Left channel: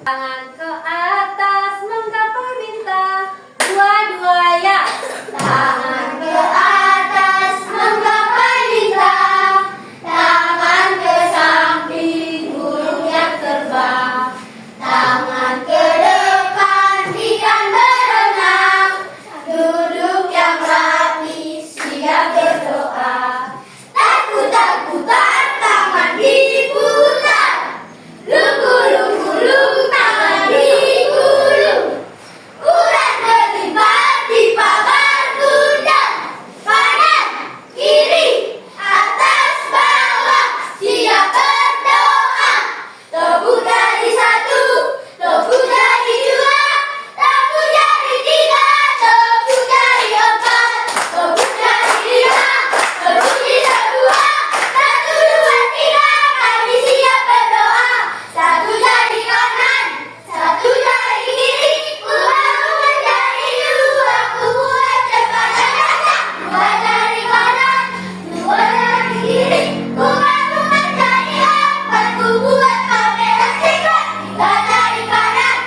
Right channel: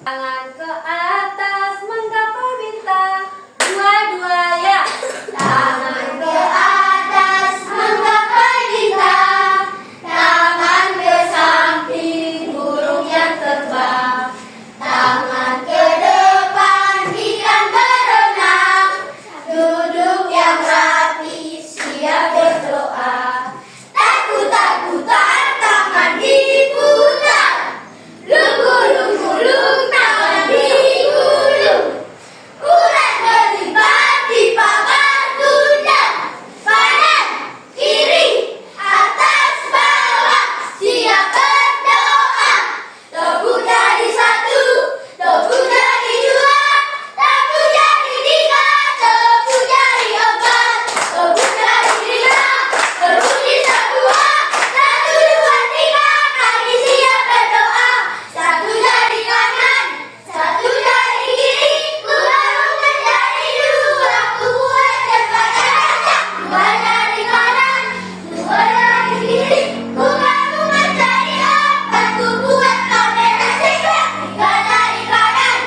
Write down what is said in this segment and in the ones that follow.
Tangan ke atas menggapai bintang, dua-duanya. Tangan ke atas menggapai bintang, tangan ke samping burung yang terbang, tangan ke depan ikan berenang, duduk yang rapi siap berdoa. Takut-takutan tangan diputar, lunggu-lunggu tangan digulung, urat berlipat di pagar tunda, kanan, kiri, atas, bawah, siap berdoa. Topu jadi satu, topu jadi dua, topu jadi tiga, topu jadi empat, topu jadi lima, topu bisa dua, satu, dua, tiga, kami siap berdoa. Satu jari kanan, satu jari kiri, baru menjadi dua, dua cepat kencang. Dua jari kanan, dua jari kiri, baru menjadi empat, buat kamera tiga. Tiga jari kanan,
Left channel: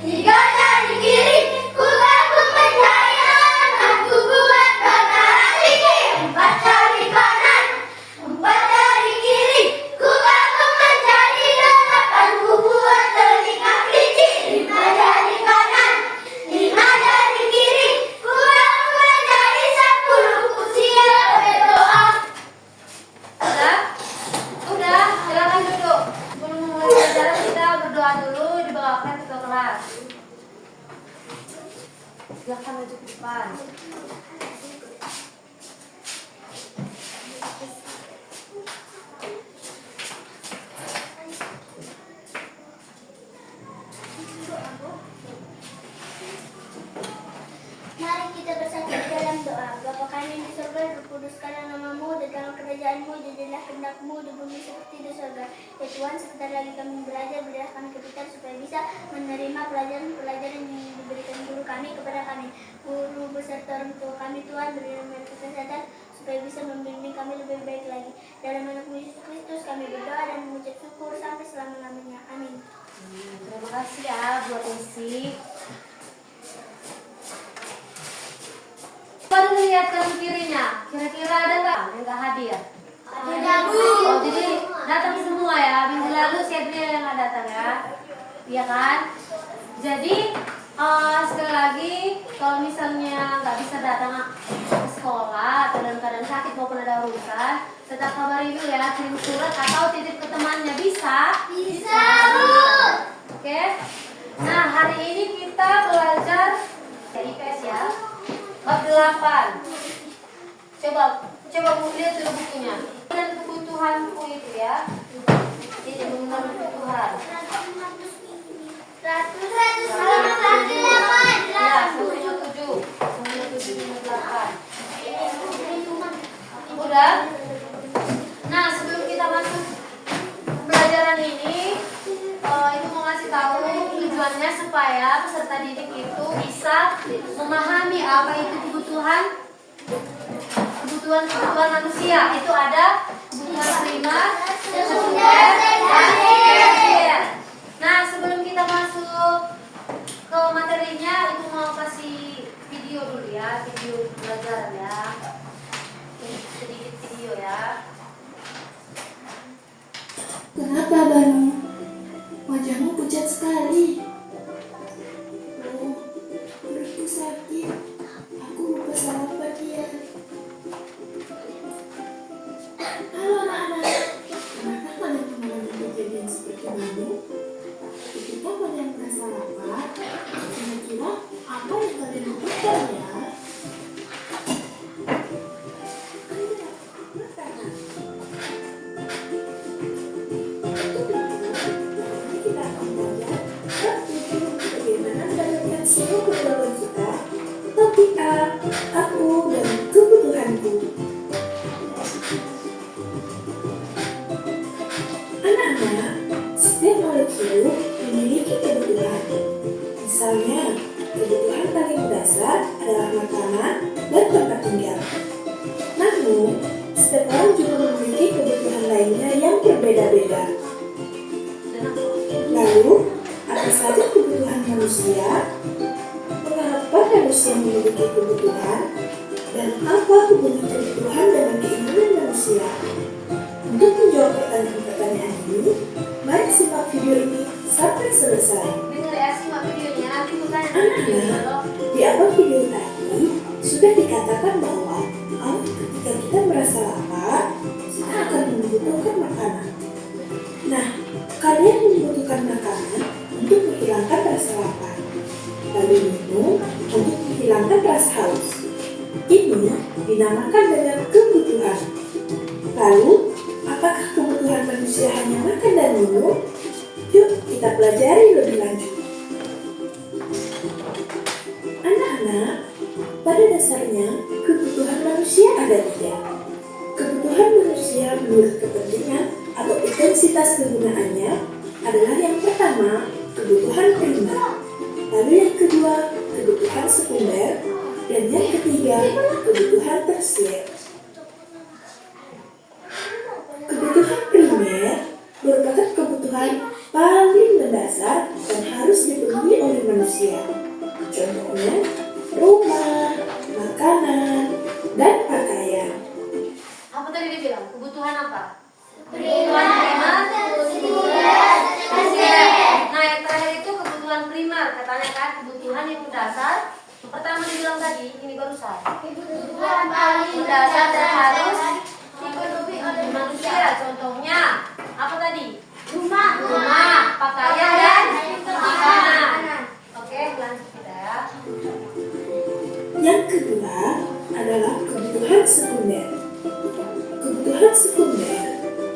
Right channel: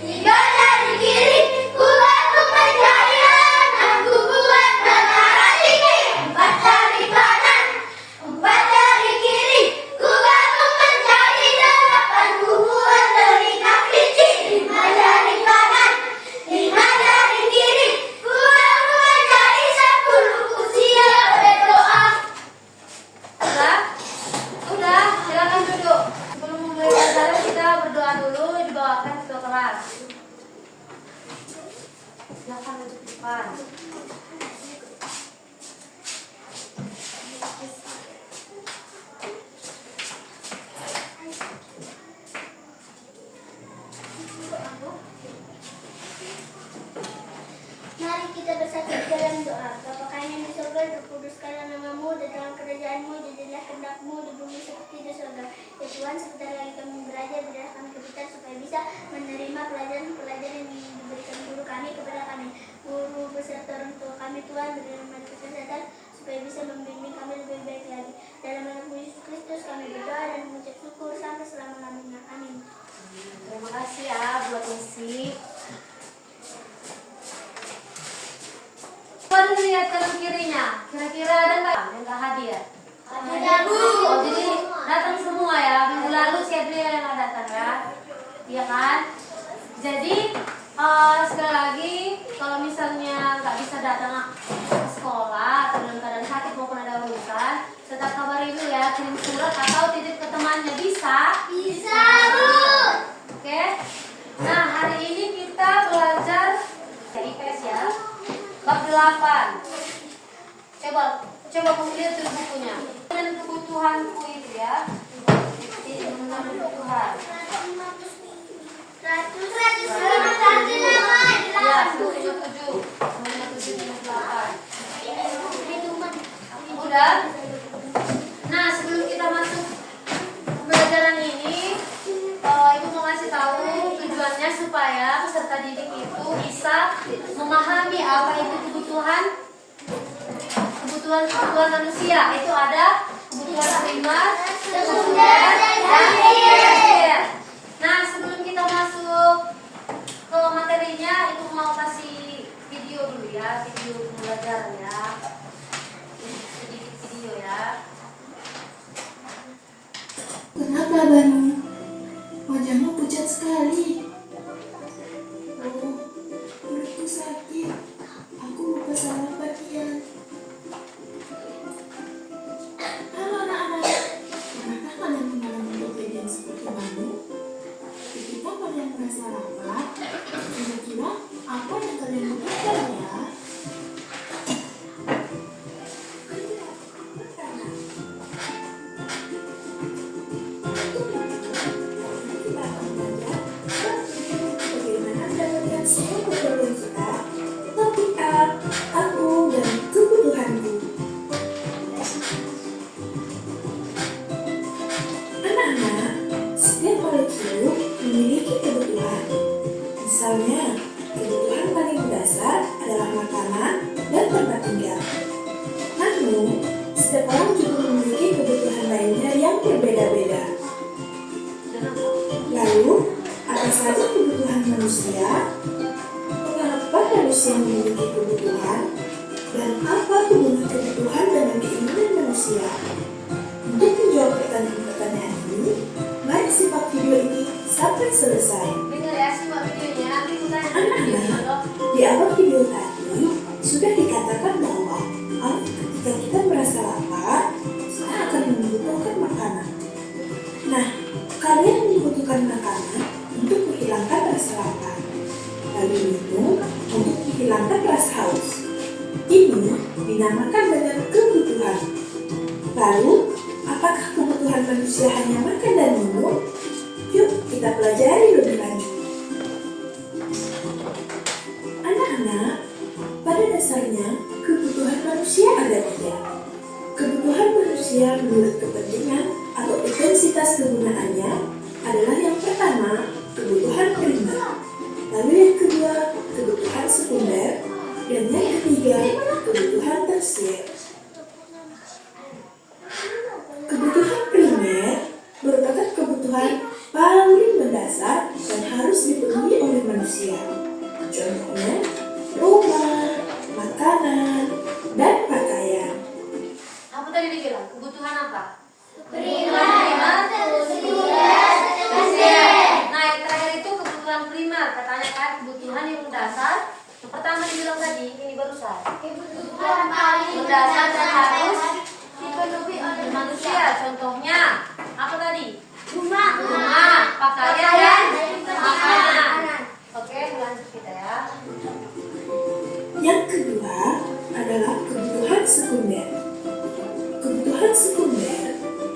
tiga jari kiri, baru menjadi enam, buat kamera tiga. Empat jari kanan, empat jari kiri, baru menjadi delapan, buat telinga kelinci. Lima jari kanan, lima jari kiri, baru menjadi 10, siap berdoa. Udah, silakan duduk. Sebelum mulai pelajaran kita berdoa dulu, dibawakan ke kelas. Silakan duduk di depan. Mari kita bersatu di dalam doa. Bapa kami yang di surga, dikuduskanlah namamu, datanglah kerajaanmu, jadilah kehendakmu di bumi seperti di surga. Ya Tuhan, sebentar lagi kami belajar, berilah kami kepikiran supaya bisa menerima pelajaran-pelajaran yang diberikan guru kami kepada kami. Guru beserta orang tua kami, Tuhan, berilah mereka kesehatan supaya bisa membimbing kami lebih baik lagi. Dalam nama Yesus Kristus kami berdoa dan mengucap syukur sampai selama-lamanya. Amin. Terima kasih ya buat isi. Coba lihat kanan kirinya, kira-kira ada nggak yang nggak hadir? Ada, Bu. Oh, jadi datang semua ya. Minggu lalu si Adria yang nggak datang ya, iya kan? Jadi sekali lagi kalau misalnya nggak bisa datang ke sekolah atau dalam keadaan sakit maupun ada urusan, tetap kabari dulu ya, kirim surat atau titip ke temannya, bisa? Bisa, Bu. Oke. Nah, hari ini kita belajar IPS ya. Bab 8. Coba Bu lihat dulu bukunya. Dan kebutuhanku itu ya. Ini dengan kebutuhan. 158. Ya, 157. 158. Udah? Nah, sebelum kita masuk pembelajaran ini, Ibu mau ngasih tahu tujuannya supaya peserta didik itu bisa memahami apa itu kebutuhan manusia. Itu ada kebutuhan primer, sekunder, dan tersier. Nah, sebelum kita masuk ke materinya, Ibu mau kasih video dulu ya, video pembelajaran ya. Sedikit video ya. Kenapa Banu? Wajahmu pucat sekali. Oh, perutku sakit. makanan, dan tempat tinggal. Namun, setiap orang juga memiliki kebutuhan lainnya yang berbeda-beda. Lalu, apa saja kebutuhan manusia? Mengapa manusia memiliki kebutuhan? Dan apa hubungan kebutuhan dengan keinginan manusia? Untuk menjawab pertanyaan-pertanyaan ini, mari simak video ini sampai selesai. Anak-anak, di awal video tadi sudah dikatakan bahwa ketika kita merasa lapar, kita akan membutuhkan makanan. Nah, kalian membutuhkan makanan untuk menghilangkan rasa lapar, lalu minum untuk menghilangkan rasa haus. Ini dinamakan dengan kebutuhan. Lalu, apakah kebutuhan manusia hanya makan dan minum? Yuk kita pelajari lebih lanjut. Anak-anak, pada dasarnya kebutuhan manusia ada 3. Kebutuhan manusia menurut kepentingan atau intensitas kegunaannya adalah yang pertama, kebutuhan primer. Lalu yang kedua, kebutuhan sekunder. Dan yang ketiga, kebutuhan tersier. Kebutuhan primer merupakan kebutuhan paling mendasar dan harus dipenuhi oleh manusia. Contohnya, rumah, makanan, dan pakaian. Apa tadi dibilang? Kebutuhan apa? Primer, sekunder, tersier. Nah, yang terakhir itu kebutuhan primer. Katanya kan kebutuhan yang mendasar. Yang pertama dibilang tadi, ini barusan. kebutuhan paling Mendasar dan harus dipenuhi oleh manusia. Contohnya, apa tadi? rumah, Pakaian, dan makanan. Oke, lanjut kita ya. Yang kedua adalah kebutuhan sekunder. Kebutuhan sekunder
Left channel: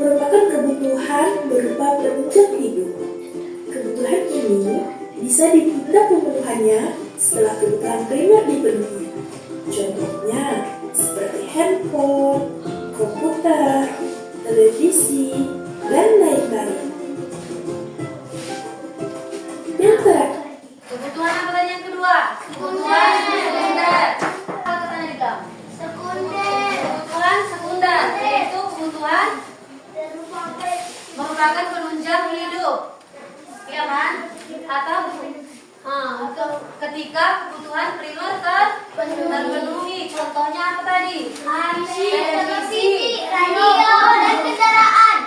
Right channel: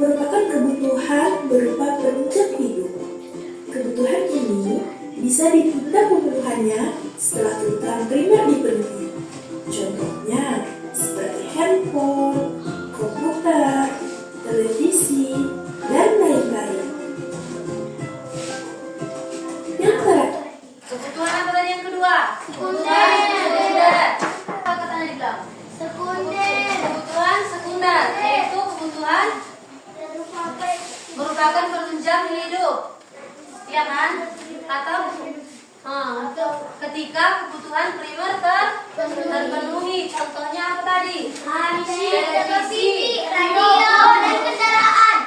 merupakan kebutuhan berupa penunjang hidup. Kebutuhan ini bisa ditunda pemenuhannya setelah kebutuhan primer dipenuhi. Contohnya seperti handphone, komputer, televisi, dan lain-lain. Yang terakhir, Kebutuhan apa tadi yang kedua? Sekunder. Apa katanya dibilang? sekunder, Kebutuhan sekunder, yaitu kebutuhan merupakan penunjang hidup, ya kan? Atau untuk ketika kebutuhan primer terpenuhi. Contohnya apa tadi? televisi, radio, dan kendaraan.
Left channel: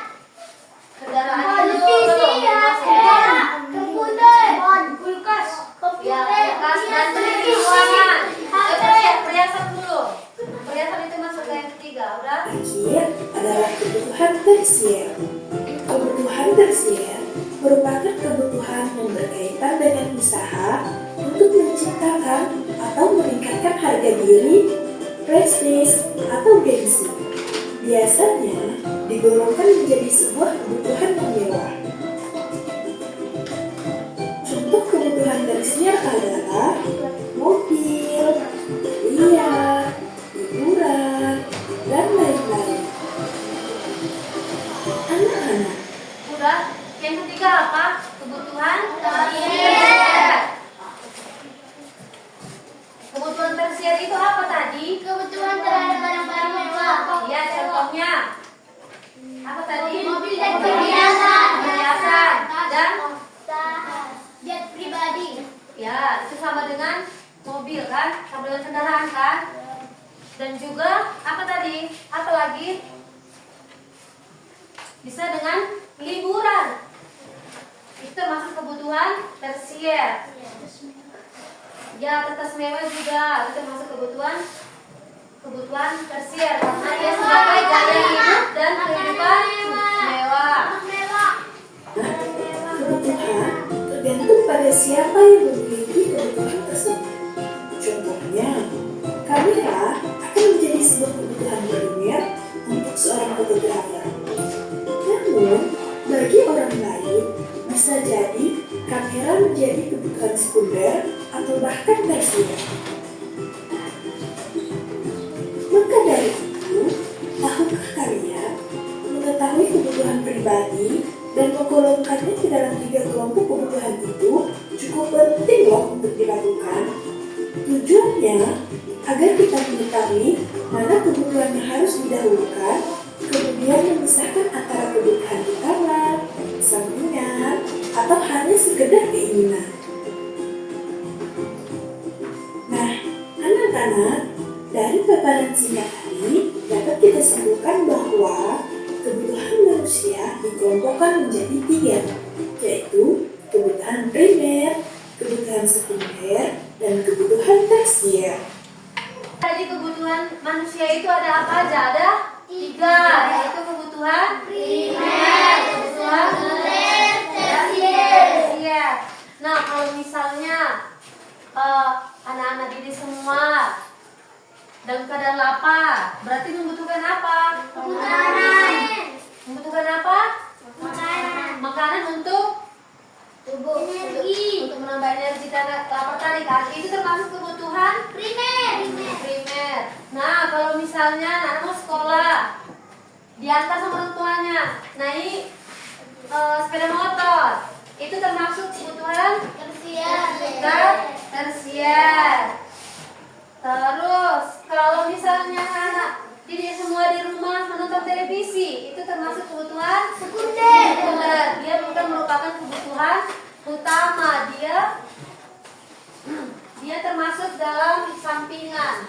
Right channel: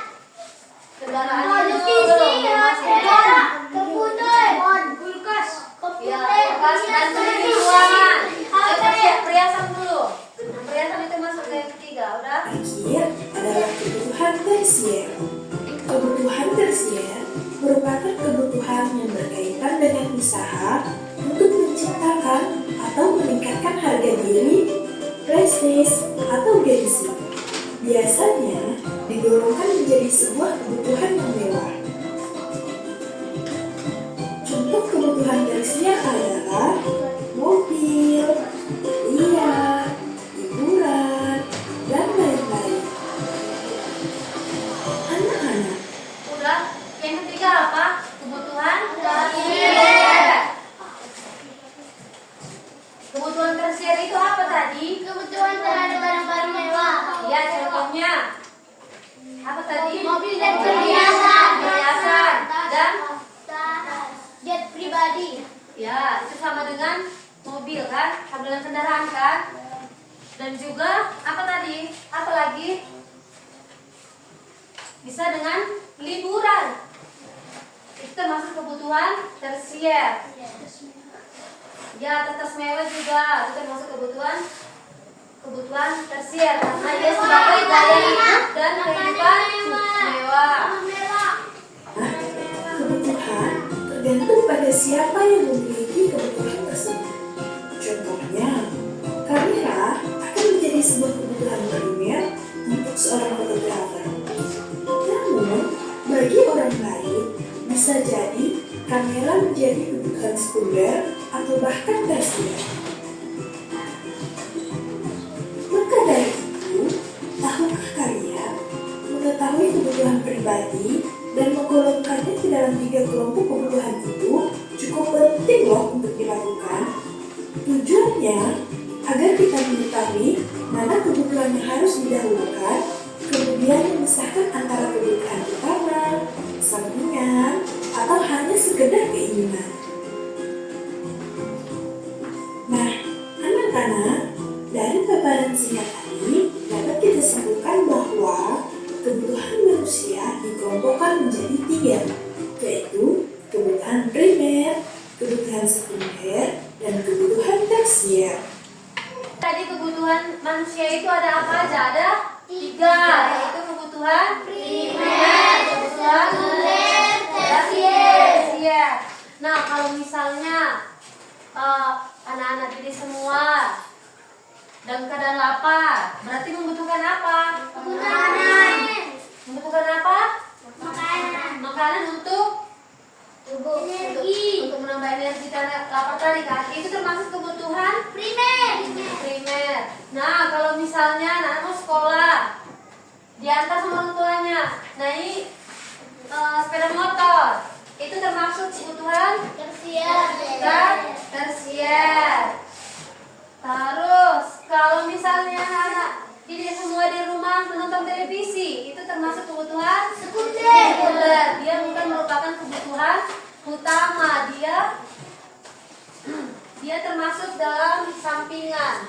Kendaraan Televisi, itu komputer, kulkas, ya, kulkas dan pendingin ruangan. Perhiasan dulu. Perhiasan itu masuk ke yang ketiga, udah? terakhir adalah kebutuhan tersier. Kebutuhan tersier merupakan kebutuhan yang berkaitan dengan usaha untuk menciptakan atau meningkatkan harga diri, prestis, atau gengsi. Biasanya digolongkan menjadi sebuah kebutuhan yang mewah. Contoh kebutuhan tersier adalah mobil, hadiah, hiburan, dan lain-lain. Anak-anak, Udah. Yang ketiga apa? Kebutuhan Tersier. Kebutuhan tersier itu apa tadi? kebutuhan terhadap barang-barang mewah. Ya, contohnya apa tadi? Mobil dan perhiasan. Perhiasan dan Jet pribadi. ya, itu sama dengan mobil kan? Sama dengan kendaraan kan? Dan juga apa tadi? Apa lagi? Bisa dengan liburan. Itu termasuk kebutuhan tersier. Ya, tetes mewah juga itu termasuk kebutuhan tersier karena dia sebagai gaya hidup dan kehidupan mewah. kebutuhan tergantung pada siapa yang memiliki kebutuhan tersebut. Contohnya, kamera akan menjadi sebuah kebutuhan primer untuk seorang fotografer. Namun, bagi orang lain, bisa jadi kamera menjadi kebutuhan sekunder atau bahkan tersier. Maka dari itu, tahukah kalian mengetahui kebutuhan pribadi dan menggolongkannya ke dalam 3 kelompok kebutuhan itu cukup penting loh untuk dilakukan. Tujuannya agar kita mengetahui mana kebutuhan yang harus didahulukan, kemudian memisahkan antara kebutuhan utama, sampingan, atau hanya sekedar keinginan. Nah, anak-anak, dari paparan singkat tadi dapat kita simpulkan bahwa kebutuhan manusia dikelompokkan menjadi 3, yaitu kebutuhan primer, kebutuhan sekunder, dan kebutuhan tersier. Tadi kebutuhan manusia itu ada apa aja? Ada 3, yaitu kebutuhan primer, kebutuhan sekunder, tersier. Nah, kalau misalnya anak-anak ini semua dalam keadaan lapar, berarti membutuhkan apa? Makanan. Membutuhkan apa? Makanan. Makanan untuk tubuh, Energi. untuk menambah energi karena lapar tadi kan. Itu termasuk kebutuhan primer. Nah, kalau misalnya anak mau sekolah, diantar sama orang tuanya, naik sepeda motor, itu termasuk kebutuhan tersier. Terus kalau misalnya anak didik semua di rumah menonton televisi, itu termasuk kebutuhan sekunder. Dia bukan merupakan kebutuhan utama, dia termasuk dalam sampingan.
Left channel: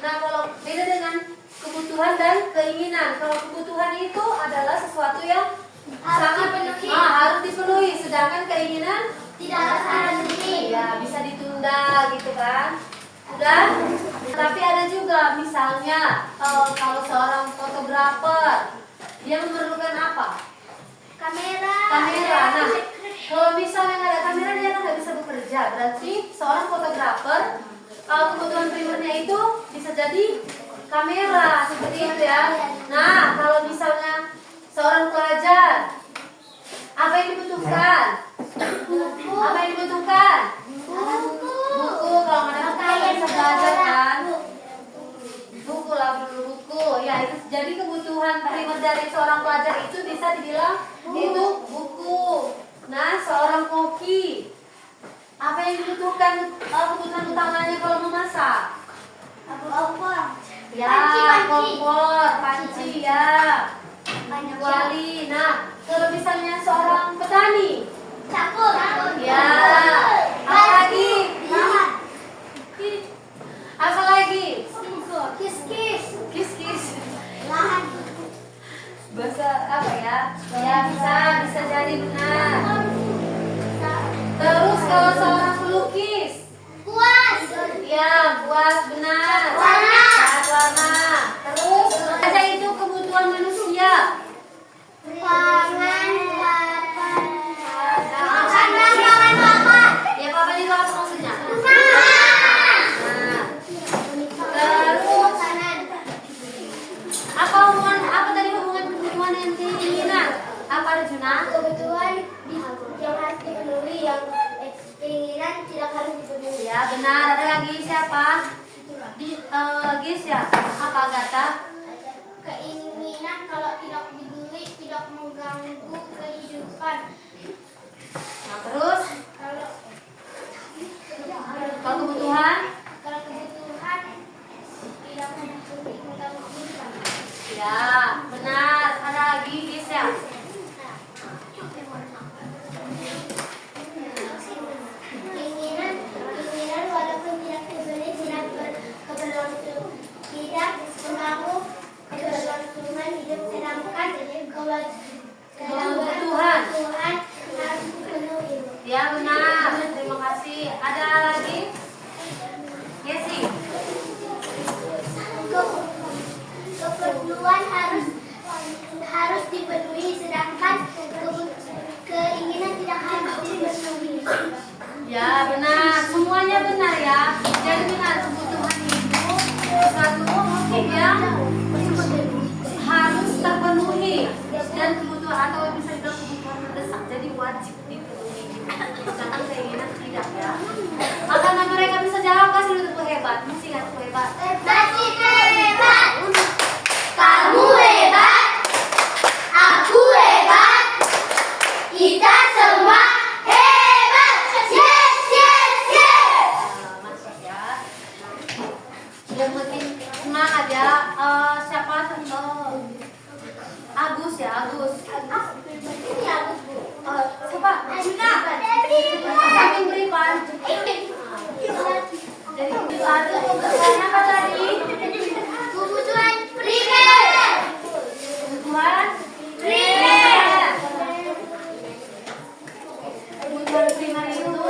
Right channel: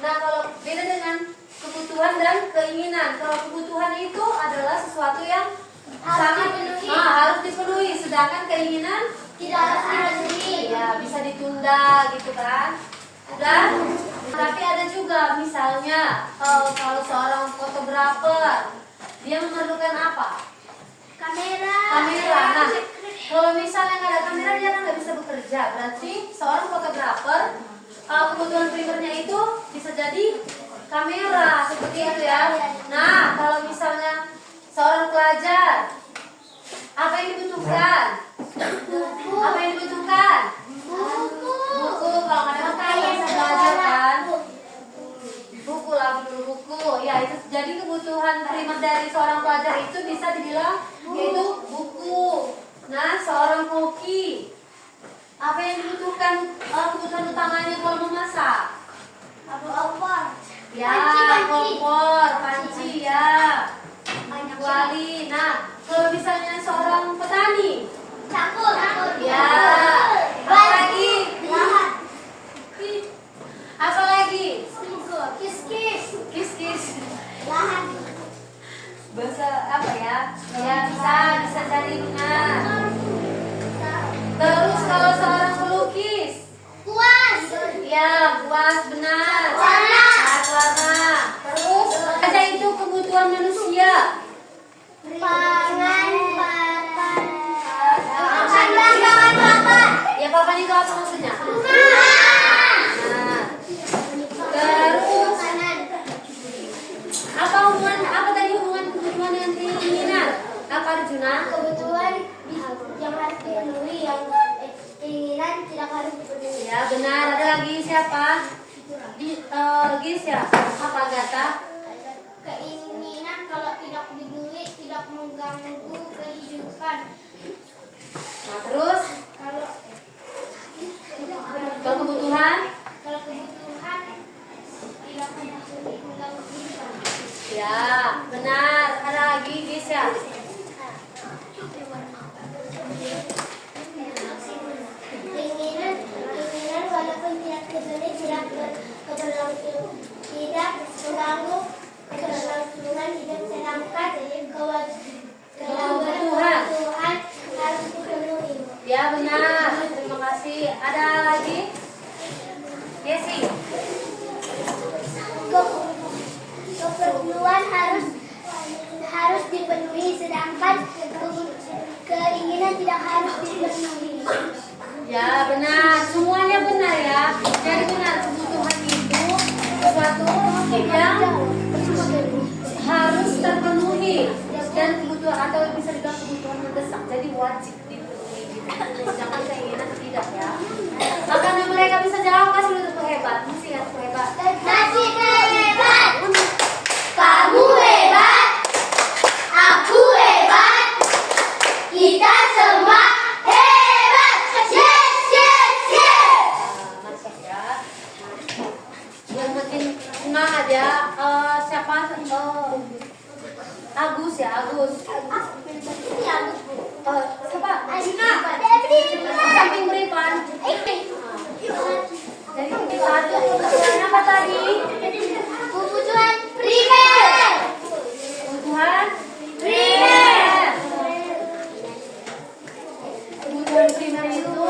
Nah, kalau beda dengan kebutuhan dan keinginan, kalau kebutuhan itu adalah sesuatu yang harus dipenuhi, sedangkan keinginan Tidak harus dipenuhi. ya bisa ditunda gitu kan. Dan tapi ada juga misalnya kalau seorang fotografer, dia memerlukan apa? Kamera. Kamera. Nah, kalau misalnya nggak ada kamera, dia kan nggak bisa bekerja. Berarti seorang fotografer kebutuhan primernya itu bisa jadi kamera, seperti itu ya. Nah, kalau misalnya seorang pelajar, apa yang dibutuhkan? Apa yang dibutuhkan? Buku. Kalau nggak ada buku nggak bisa belajar kan? Buku lah, perlu buku. Ya, itu jadi kebutuhan primer dari seorang pelajar itu bisa dibilang itu buku. Nah, seorang koki, apa yang dibutuhkan kebutuhan utamanya kalau memasak? Ya, kompor, panci ya, kuali. Nah, kalau misalnya seorang petani, Campur. ya, apa lagi? Apa lagi? Kis. Lahan. Bahasa apa ya? Ya, bisa jadi benar. Terus kalau seorang pelukis, Kuas. ya, buat benar. Warna. Warna. Terus ada itu kebutuhan manusia. Pangan papan. Pangan papan. Ya, papan itu apa maksudnya? Rumah. Nah, terus apa tadi hubungan kebutuhan dan keinginan? Apa Arjuna? Kebutuhan yang harus dipenuhi, yang keinginan tidak harus dipenuhi. Ya, benar. Ada lagi siapa? Gis ya? Apa Gata? Keinginan kalau tidak dibeli tidak mengganggu kehidupan. Nah, terus Kalau kebutuhan? kebutuhan tidak mengganggu kehidupan. Ya, benar. Ada lagi Gis ya? Keinginan walaupun tidak dibeli tidak keberlangsungan, tidak mengganggu keberlangsungan hidup, sedangkan kebutuhan harus dipenuhi. Ya, benar. Terima kasih. Ada lagi? Yesi. Keperluan harus dipenuhi, sedangkan keinginan tidak harus dipenuhi. Ya, benar. Semuanya benar ya. Jadi benar, kebutuhan itu sesuatu yang harus terpenuhi, dan kebutuhan atau bisa dibilang kebutuhan mendesak, jadi wajib dipenuhi. Sedangkan keinginan tidak ya. Makanya mereka bisa jawab, kasih untuk hebat. Mesti kasih hebat. Nasi hebat, kamu hebat, aku hebat, kita semua hebat. Yes. ya, Agus. Ini Agus, Bu. Siapa? Samping beripan. Jadi satu kebutuhan apa tadi? Kebutuhan primer. Kebutuhan primer. Kebutuhan primer itu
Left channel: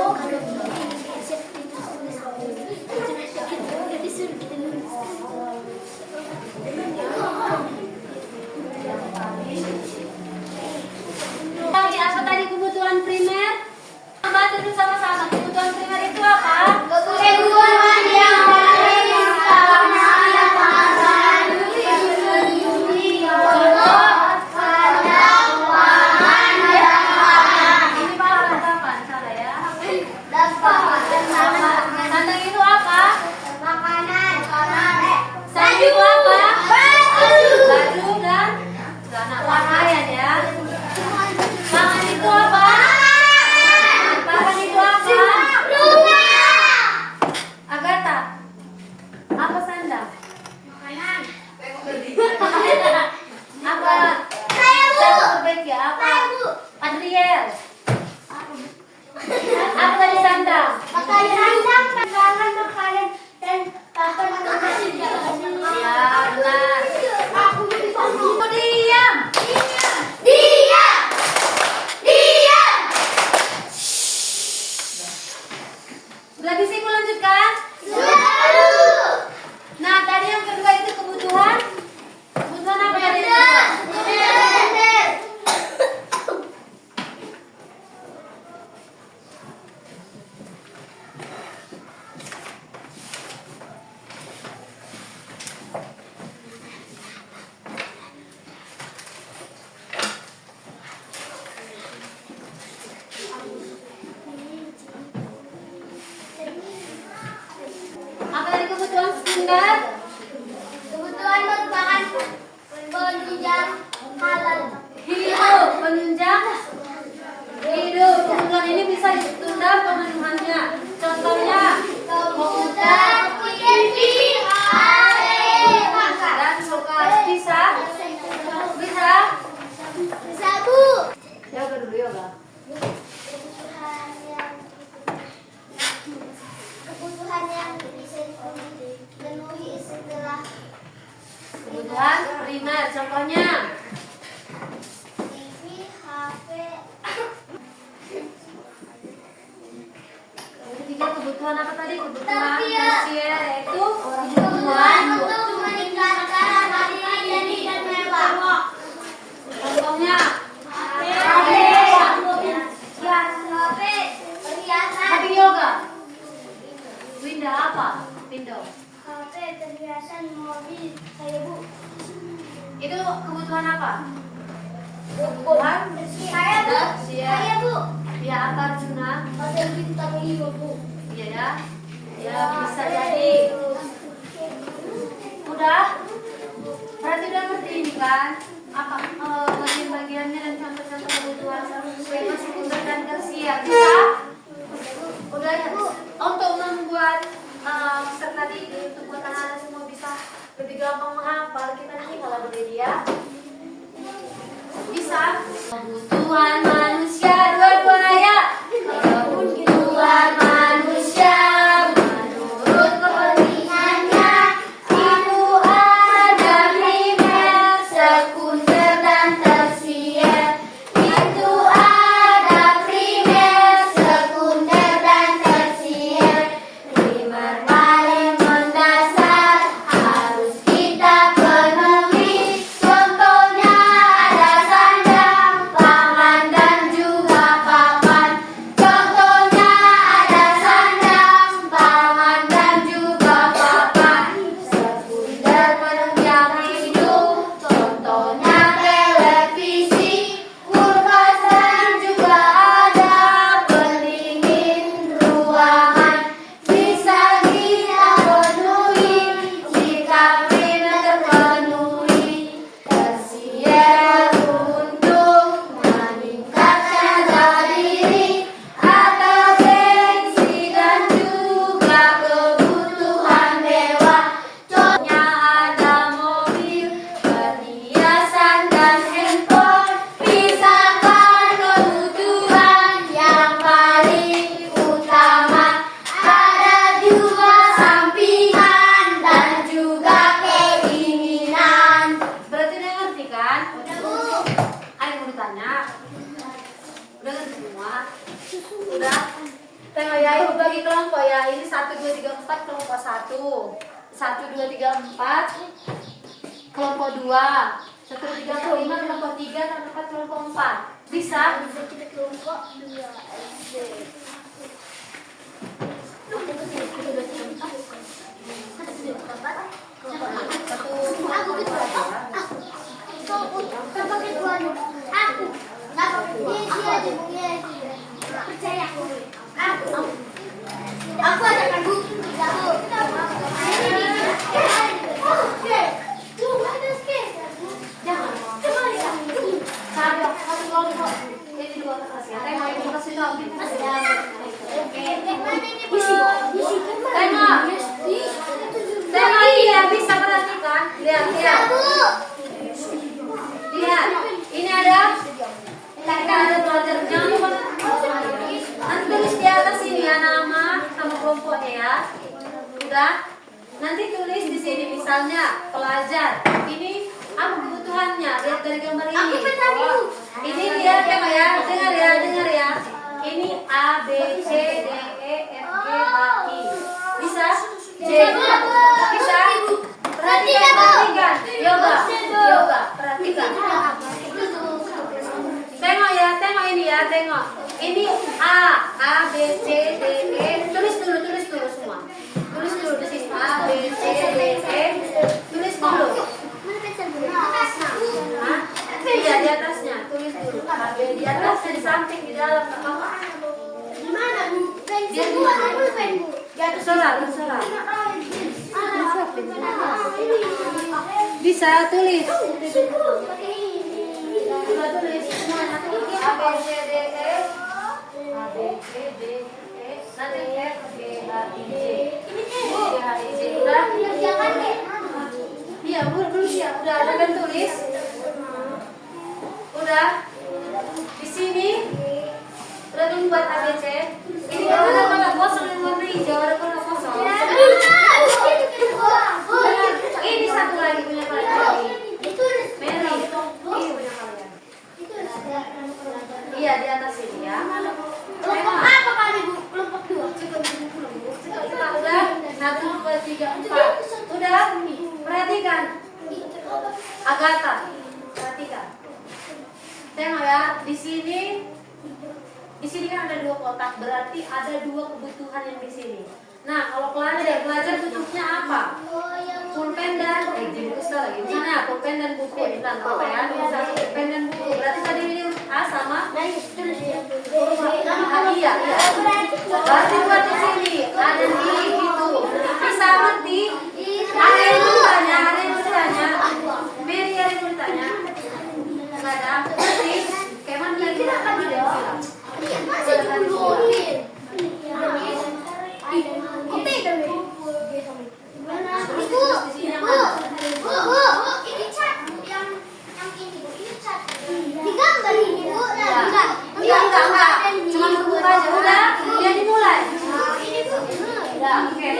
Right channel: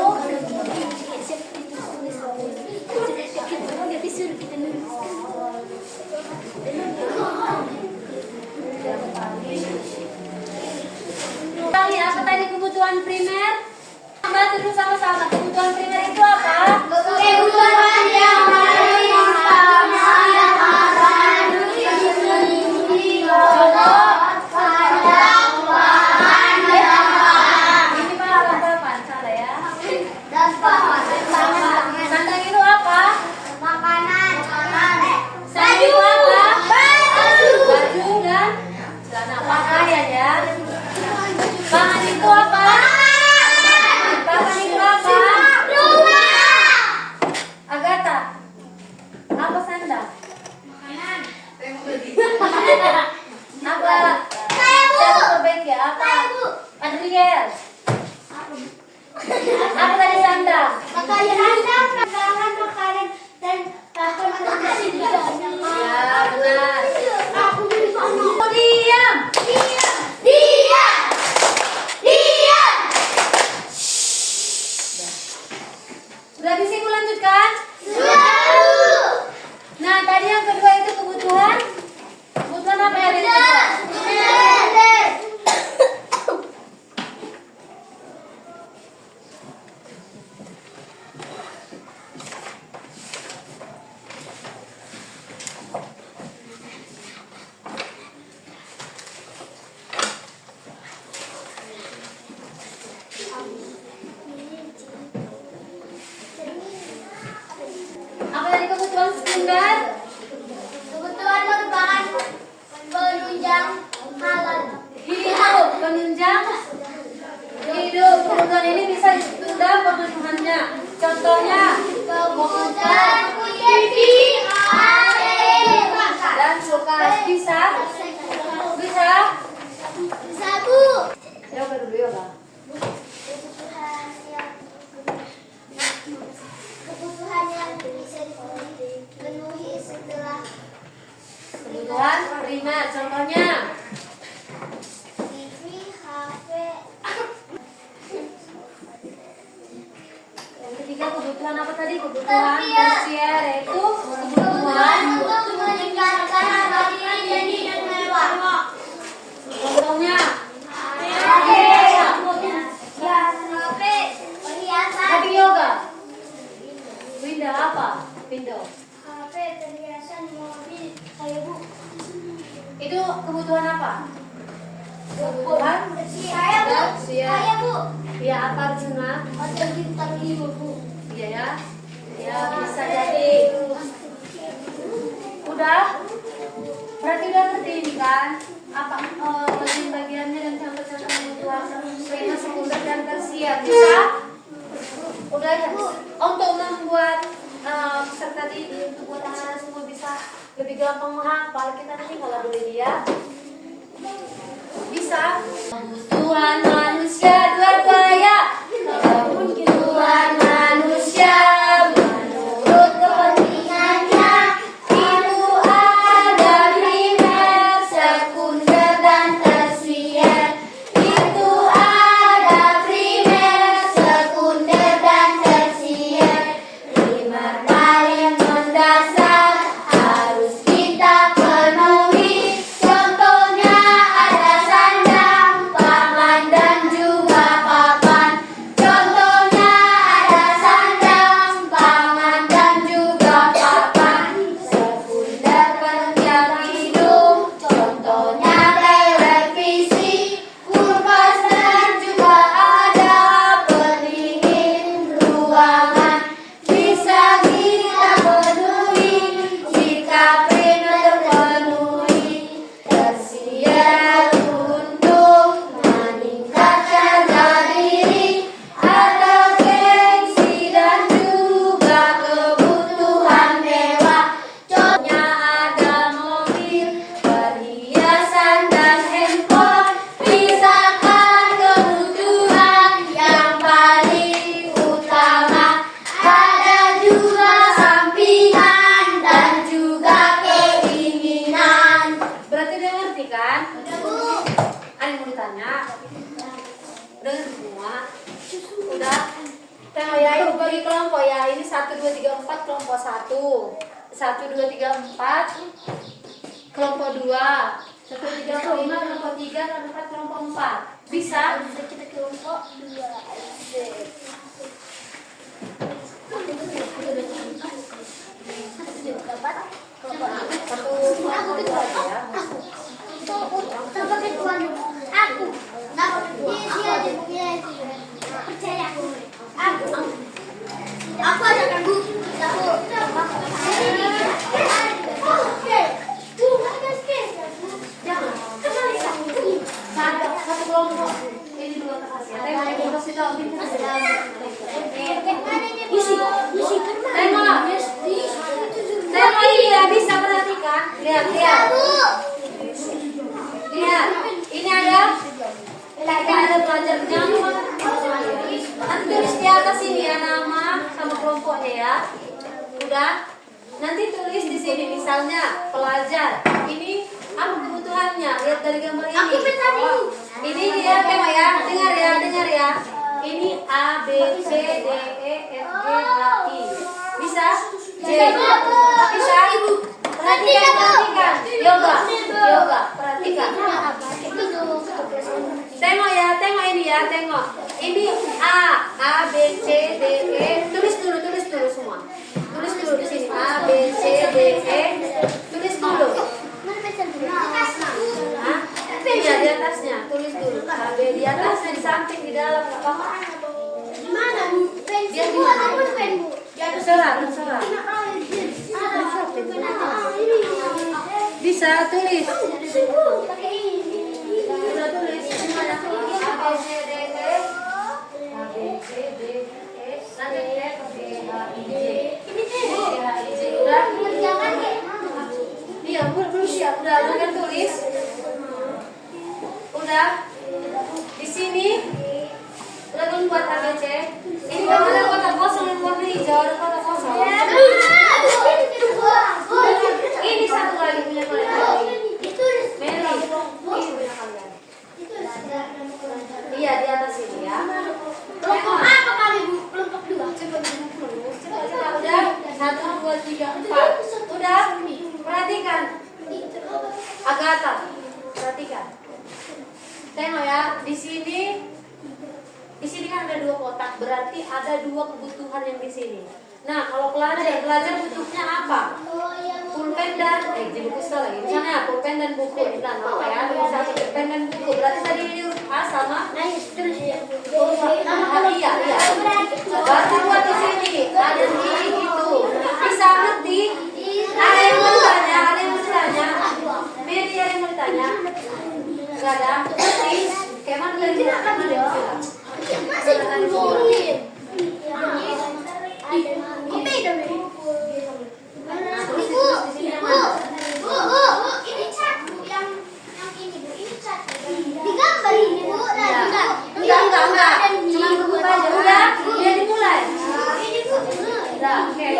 apa tadi kebutuhan primer? Bantu dulu sama-sama. Kebutuhan primer itu apa? Kebutuhan yang paling utama dan akan Contoh. Ini Pak halaman salah ya. Sandang itu apa? Sandang itu apa? Baju dan celana pakaian ya. Pangan itu apa? Pangan itu apa? Agatha. Apa sandang? Apa? Siapa perbaiki apa? Adriel. Apa tadi sandang? Ya benar. Diam. Udah bisa aku lanjutkan? Nah tadi yang kedua itu kebutuhan. Kebutuhan apa yang ada di situ? Apa tadi kebutuhan sekunder? Kebutuhan merupakan penunjang halal. Hidup, penunjang hidup. Kebutuhan ini bisa ditunda pemenuhannya. Contohnya komputer dan kulkas. Bisa? Bu. Yoga dulu yoga. Kebutuhan yang bisa dipenuhi setelah Kebutuhan primer. Contohnya TV, HP. yang ketiga kebutuhan apa tadi? Kebutuhan tersier yaitu kebutuhan. Untuk meningkatkan harga diri jadi dan mewah. Contohnya Perhiasan. Happy yoga. Winda apa? Window. HP, perhiasan, mobil, kayak Bu. Itu kebutuhan apa? Kebutuhan Saya Bu. tersier. Saya Bu. Ya apa Arjuna? Hotel bintang 5 Bu. Iya ya. Ya bisa jadi. Udah? Berarti udah ngerti ini kan? Apa bagian-bagiannya dan contoh-contoh kebutuhan skema sekunder dan tersier bisa? Udah ya? Untuk membuat peserta ini untuk buat anak-anak semua bisa lebih gampang menghafal, kita nanti kalau boleh dia bisa. Kebutuhan manusia dua-dua ya. Kebutuhan manusia menurut kepentingannya itu ada primer, sekunder dan tersier. Itu ada primer, sekunder dan tersier. Primer paling mendasar harus kita penuhi. Contohnya ada sandang, pangan dan 3, 4 kelompok 1. 1, 2, 3, 4 kelompok 2. 1, 2, 3, 4, 5 kelompok 3 dan 4 kelompok 4. Bisa? Kita kelompok 2. Aku ada kan bu, Tema ini ya, bisa perhatikan. Lihat. Lihat. Ini ada pelajarnya. Nanti tulis di atas ini ya nama sama kelompoknya ya. Udah. Nanti tulis di sini misalnya pelajar. Ini apa kebutuhannya? Lihat dari gambar ini. Ini dia tema ya. Dengar ya. Ini A, B, C, D, E, F, G, H, I. Bisa? J. Bisa? Perhatikan. Yoga. Perhatikan. Tengok ini ya, tengok. Ini A, B, C, D, E. Tulis dulu semua. Tulis dulu di sini. A, B, C, D, E. Tulis dulu. Iya, di atasnya. Tulis dulu. A, B di atasnya, di samping, di dalam. di mana bu? Pensil bu atau pulpen bu? Terserah. Bisa tulis. Pakai ini. Sudah tulis semuanya. A, B, C, D, E. A, B, C, D, E. Nanti F, G, H, I, J. Ini deh. G, H, I, J. Udah? Jangan deh. Iya, belum siap. Udah kan tulis? Udah? Di sini udah buat ABC. Ini ada kotak kosong yang warna hijau, ada kotak kosong. Ini satu lagi punya kalian. Mary. Ini punya kalian. Iya, di atas ini ya. Kelompok apa kali bu? Kelompok 2. Kita udah 1, 2, 3, 4. Udah? Perhatikan. Agatha. Perhatikan. Tengok ya, di sini kan ada 2 kotak, berarti ada 2 kebutuhan yang di sini. Nah, kalau pelajar butuhnya apa? Pulpen dan jemput lagi. Misalnya pulpen dan buku. Bilang apa ya? Satu pulpen dan buku. Berarti tadi ini A sama. Iya. Berarti buat di sini ada di itu. Bisa ngerti? Ada yang mau ditanya? Mary ada yang mau ditanya? Enggak ada. Ngerti? Keman lagi makan dia. Masih duluin. Kopi dong. Bu, ini cat yang ini bu, ini cat. Digambar ini bu, enggak. Cuma buku aja. Udah dimulai. Ini bu. Udah, oke.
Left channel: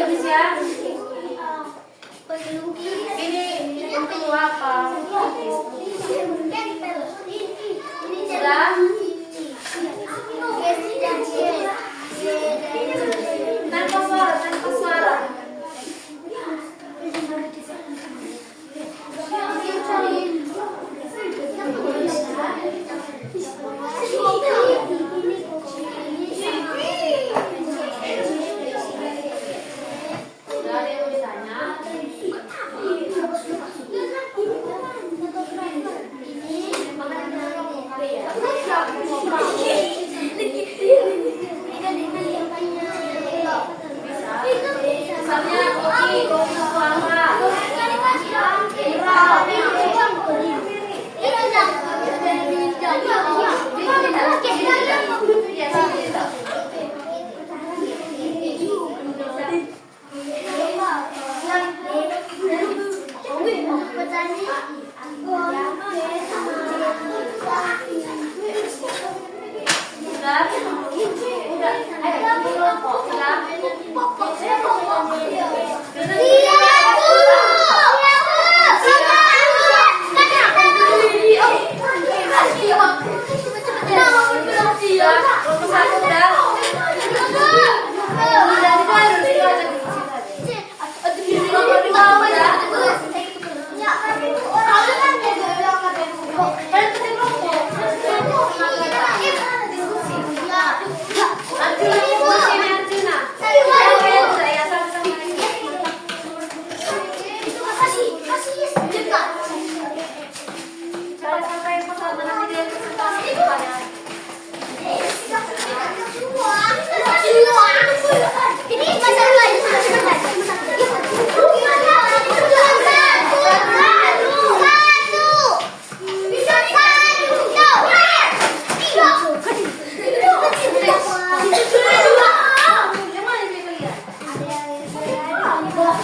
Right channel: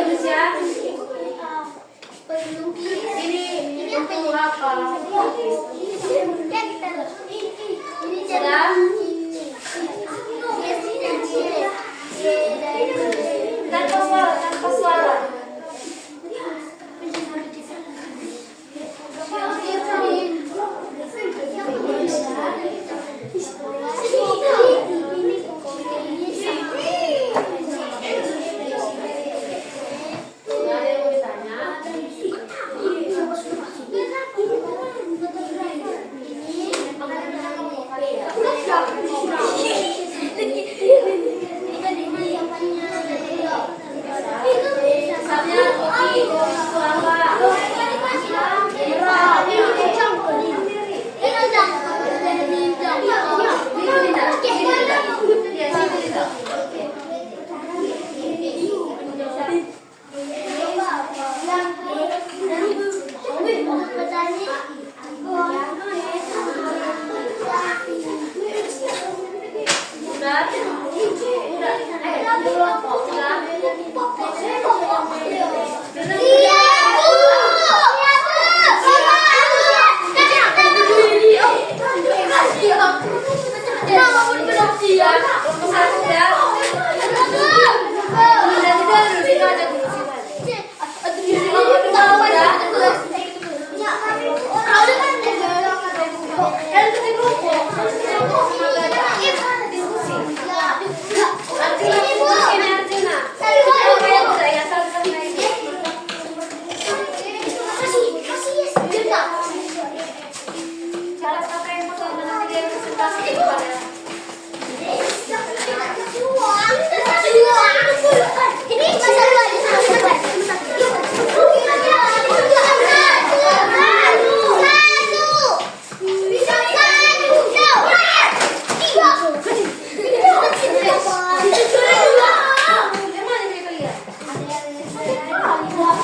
Ayo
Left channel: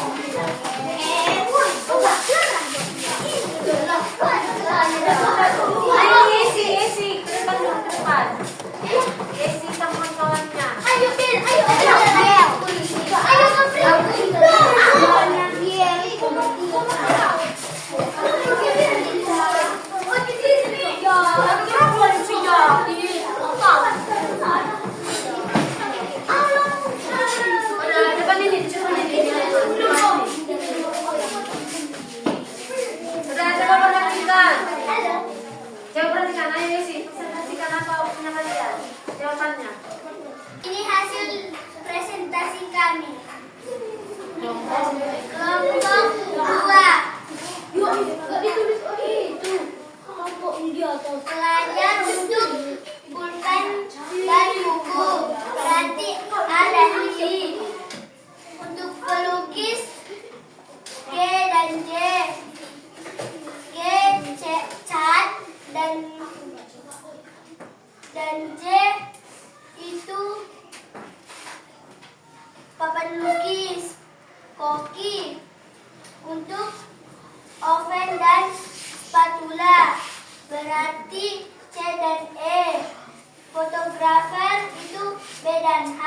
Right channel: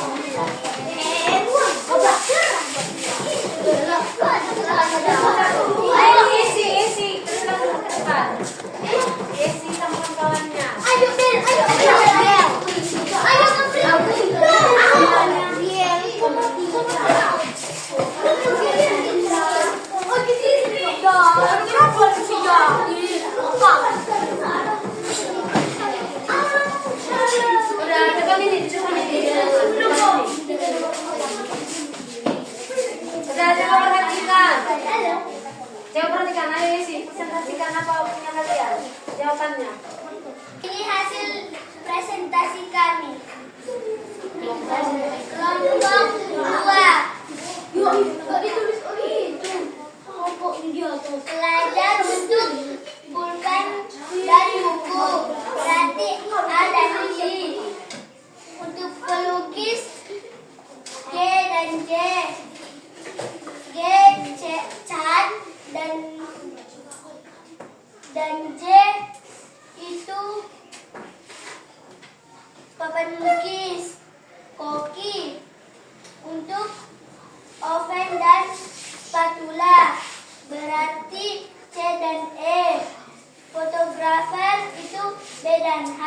isi, terbang dulu ke depan. Isi sama kawannya. Ayo, Bel, ayo, ayo, ayo. Ayo, Udah, depan ini, depan ini. Udah, coba perhatikan. Coba perhatikan, ayo isi. Presentasikan apa yang kalian? Jawabannya. Ini hasil presentasi kami. Kelompok 2. Pelajar untuk pulpen dan buku. Berarti ada sisi. Untuk pelukis G dan J. G, C, cat dan J itu papan lukis. Koki untuk oven dan spatula. Berarti C dan E. Fotografer itu B dan H.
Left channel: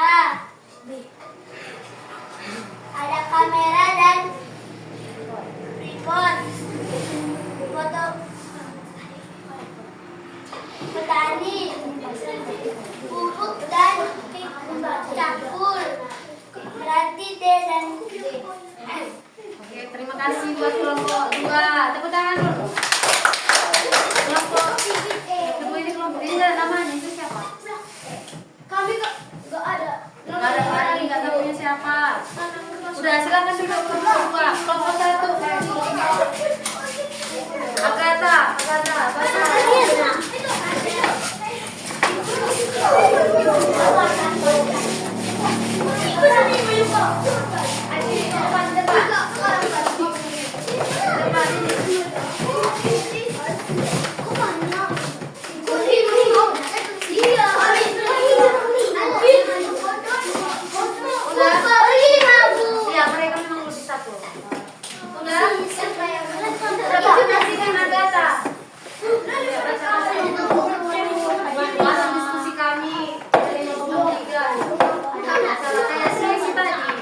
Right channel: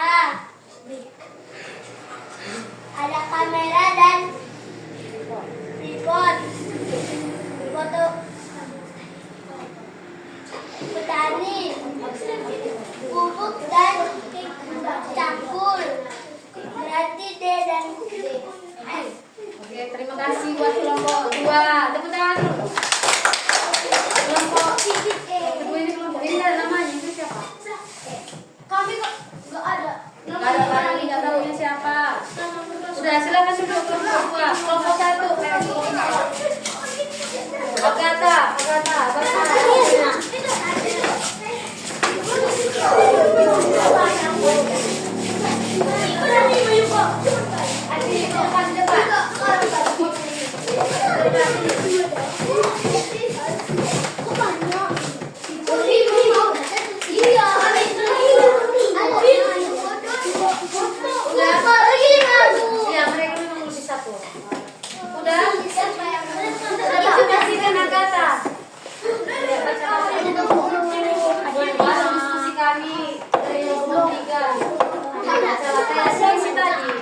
Ada kamera dan tripod. Foto petani, pupuk dan cakul. Berarti D dan D. Oke, terima kasih buat kelompok 2. Tepuk tangan dulu. Kelompok kedua ini kelompok ini ada namanya itu siapa? Kami nggak ada. Nggak ada orang ini nggak tahu ini siapa. Udah silakan duduk kelompok 2. Kelompok 1. Agata. Ya, mereka memang lebih satu. Udah? Presentasikan Agata. Buat diskusi kami dari kelompok 3. Kayak sesi tadi.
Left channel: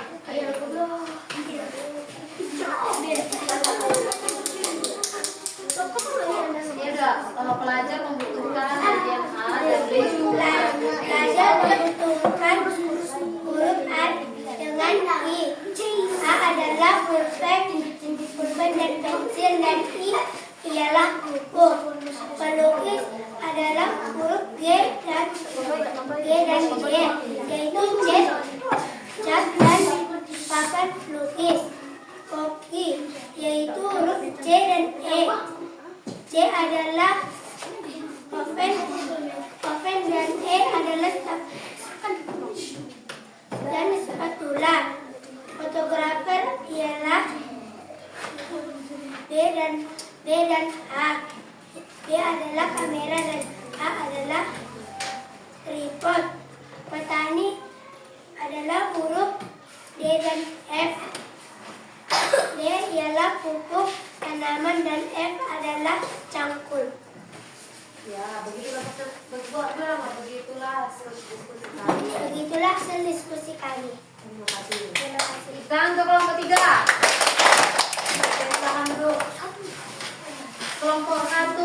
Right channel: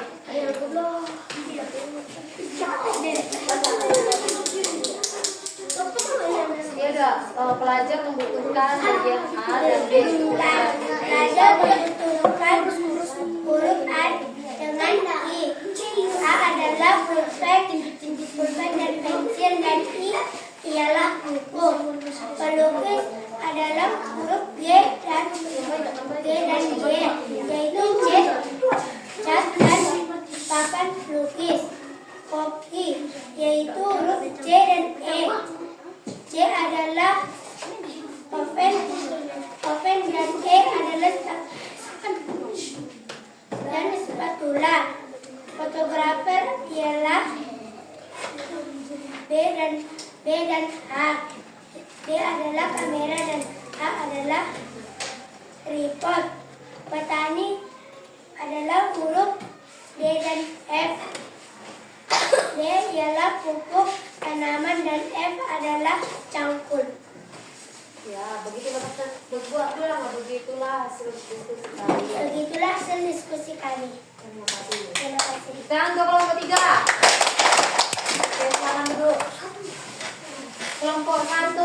Ya udah, pelajar membutuhkan bagian A dan B. Pelajar membutuhkan huruf A dengan I. A adalah pulpen dan pensil dan I ialah buku. Pelukis adalah huruf G dan J, yaitu cat dan papan lukis. Koki yaitu huruf C dan E. C adalah oven dan E adalah dan spatula. Fotografer ialah B dan H. B adalah kamera dan H adalah tripod. Petani adalah huruf D dan F. D ialah pupuk tanaman dan F adalah cangkul. Ya, begitulah hasil diskusi kami. Begitulah hasil diskusi kami. Terima kasih. Terima kasih. Sekarang ke kelompok 3. Oke, silakan duduk. Kelompok 1.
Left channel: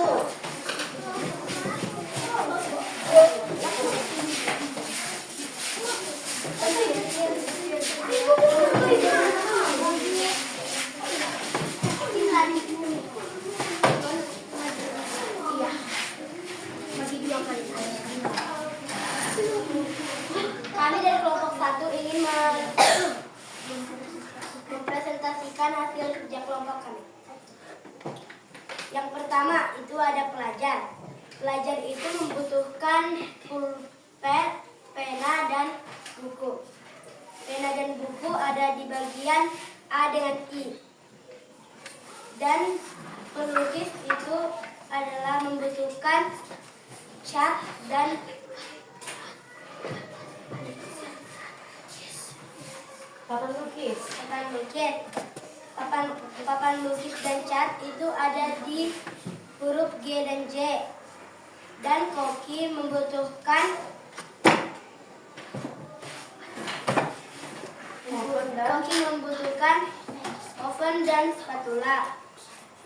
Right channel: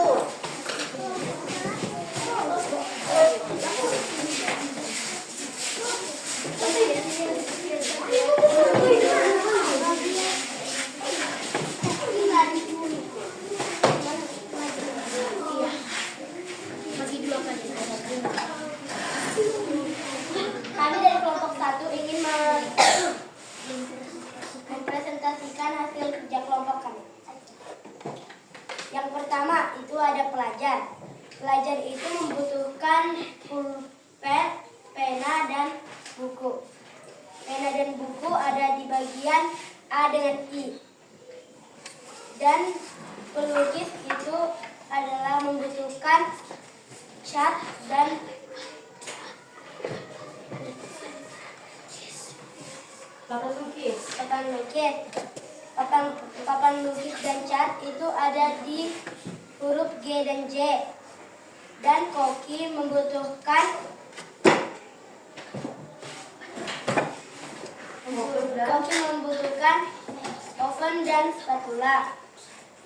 Kami dari kelompok 1 ingin mempresentasikan hasil kerja kelompok kami. Yang pertama itu ada pelajar. Pelajar itu membutuhkan pulpen, pena, dan buku. Pena dan buku ada di bagian A dengan I. Dan pelukis itu adalah membutuhkan cat dan Papan lukis. Papan lukis. Papan lukis dan cat itu ada di huruf G dan J. Dan Koki membutuhkan oven dan spatula,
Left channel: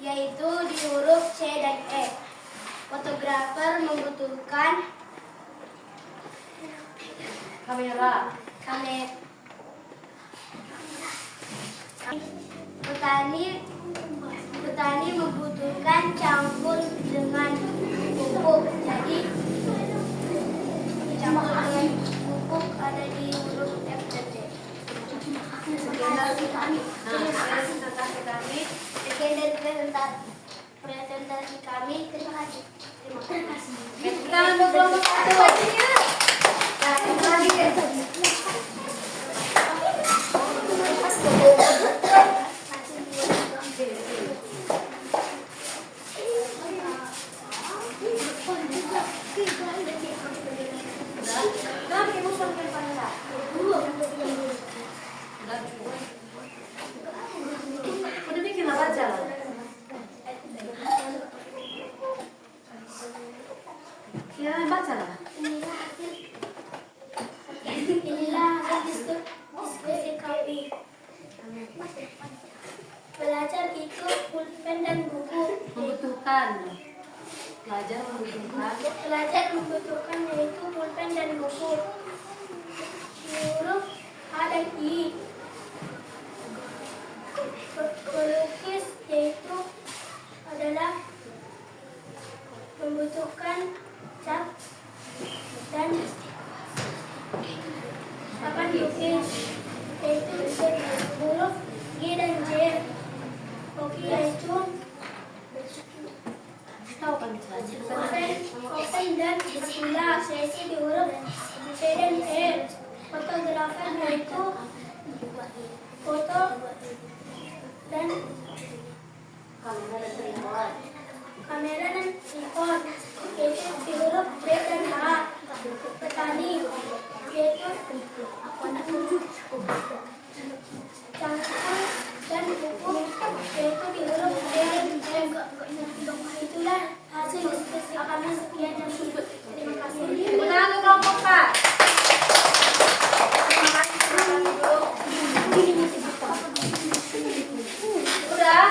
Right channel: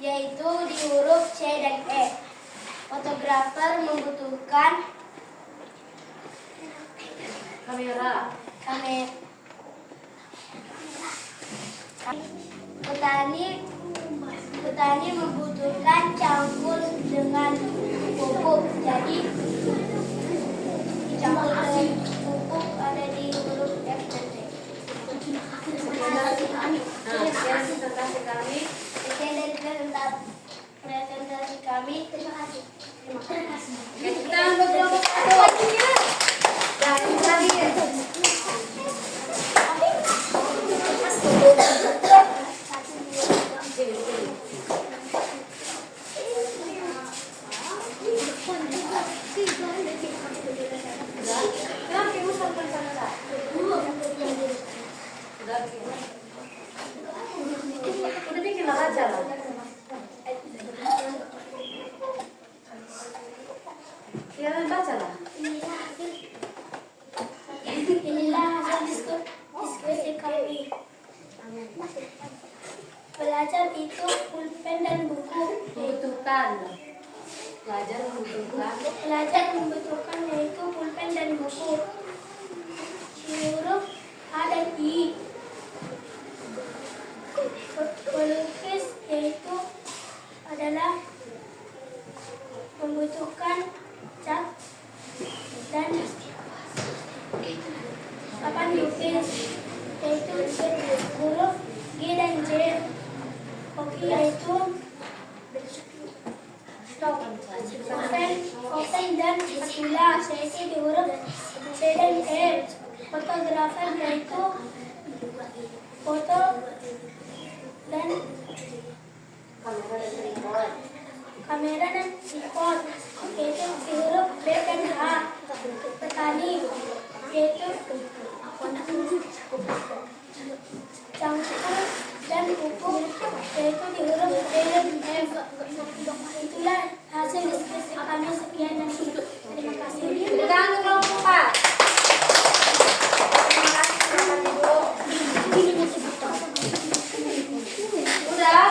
yaitu di huruf C dan E. Fotografer membutuhkan Kamera. Petani membutuhkan cangkul dengan pupuk. Jadi cangkul dengan pupuk ada di huruf F dan G. Presentasi kami. Sekian dari presentasi kami. Terima kasih. Kita kelompok satu. Jangan lagi ya. Udah bikin aja lah. Ya baca lah. Inilah hasil diskusi kami. Belajar itu pulpen dan buku. Membutuhkan. Belajar membutuhkan. Belajar membutuhkan yaitu pulpen dan buku. Huruf A dan I. Pelukis yaitu adalah membutuhkan cat dan papan lukis yaitu huruf G dan J. Koki yaitu oven dan spatula yaitu di huruf C dan E. Fotografer yaitu foto dan kamera dan tripod yaitu di huruf B dan H. Petani yaitu cangkul dan pupuk yaitu di huruf D dan F. Itulah hasil diskusi kami. Sekian dan terima kasih. Tepuk tangan untuk kelompok 4. Terima kasih Bapak Ibu. Udah?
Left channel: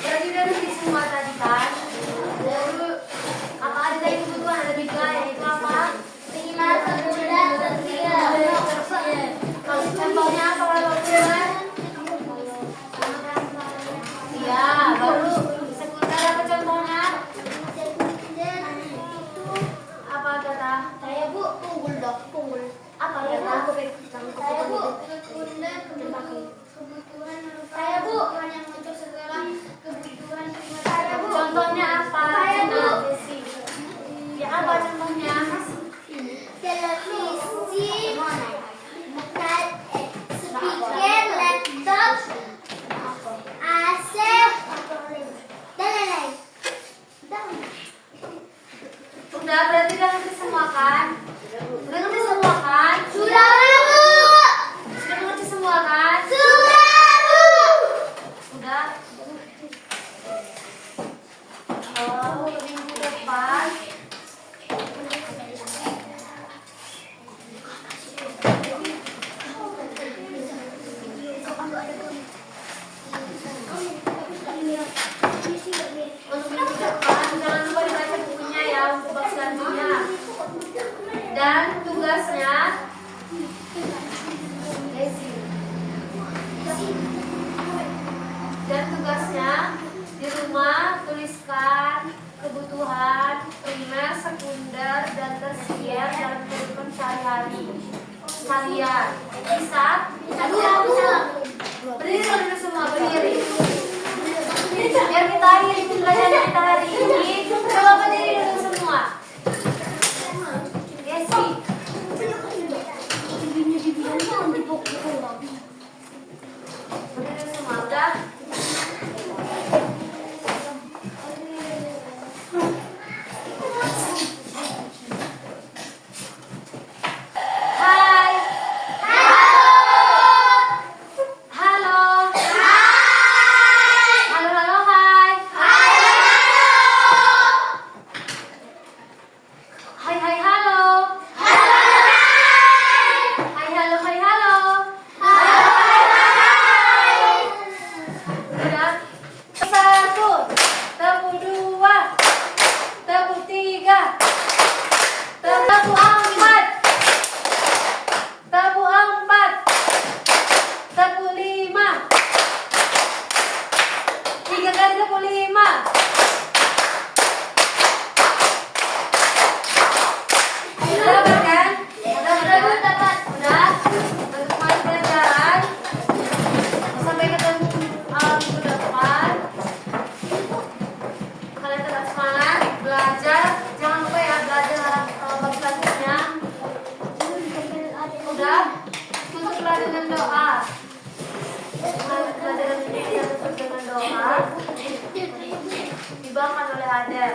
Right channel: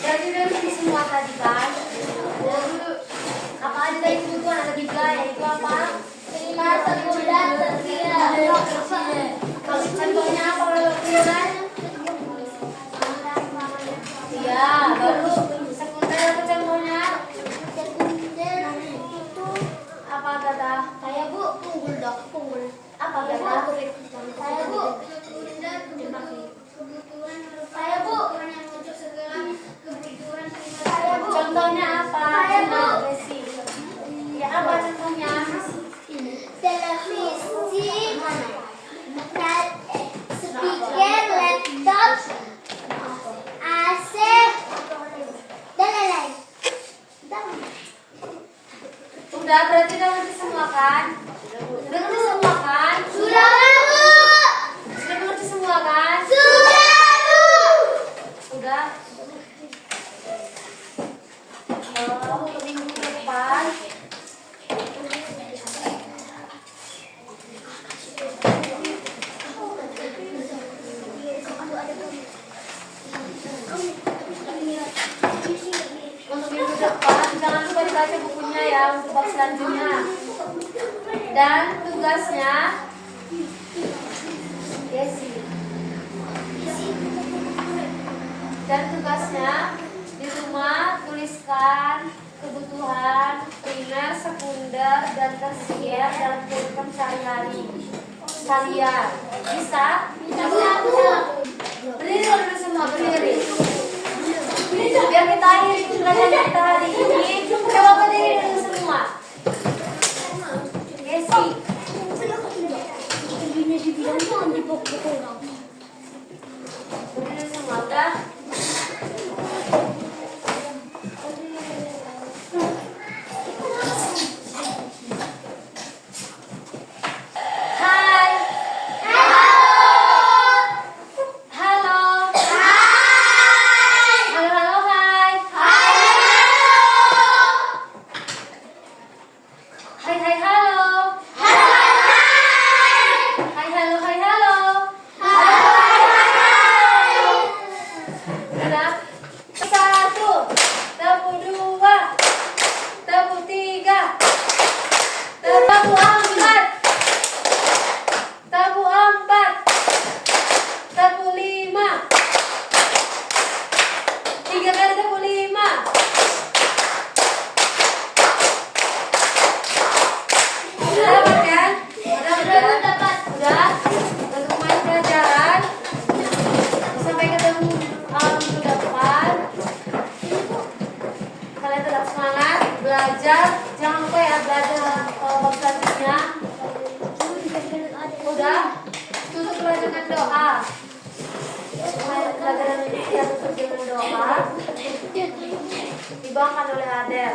Dari di semua tadi kan. Apa aja yang kebutuhan ada di belakang itu apa? Pilar, sekunder, berpilar. Contohnya apa kalau pilar? Iya, baru sekunder apa contohnya? Sekunder itu Apa kata? saya Bu, punggul dok, punggul. Apa kata? Saya Bu, sekunder kebutuhan saya Bu, yang untuk segala kebutuhan saya Bu. Contohnya apa? Saya Bu. Ya apa contohnya? Televisi, speaker, laptop, AC, dan lain-lain. Udah berarti udah ngerti semua kan? Udah ngerti semua kan? Sudah Bu. Sudah ngerti semua kan? Sudah Bu. Udah. Oh, minggu depan. Untuk minggu depan jangan lupa dibaca bukunya ya untuk bab selanjutnya. Dan tugasnya Desi. Dan tugasnya di rumah tuliskan kebutuhan primer, sekunder, dan tersier dalam kehidupan sehari-hari kalian. Bisa? Berdiri dulu semua, berdiri. Biar kita akhiri pelajaran kita hari ini. Coba berdiri dulu semua. Desi. Berdiri semua, udah? dengan doa. Pelajaran ini kita tutup dengan doa. Dibawakan oleh Adel.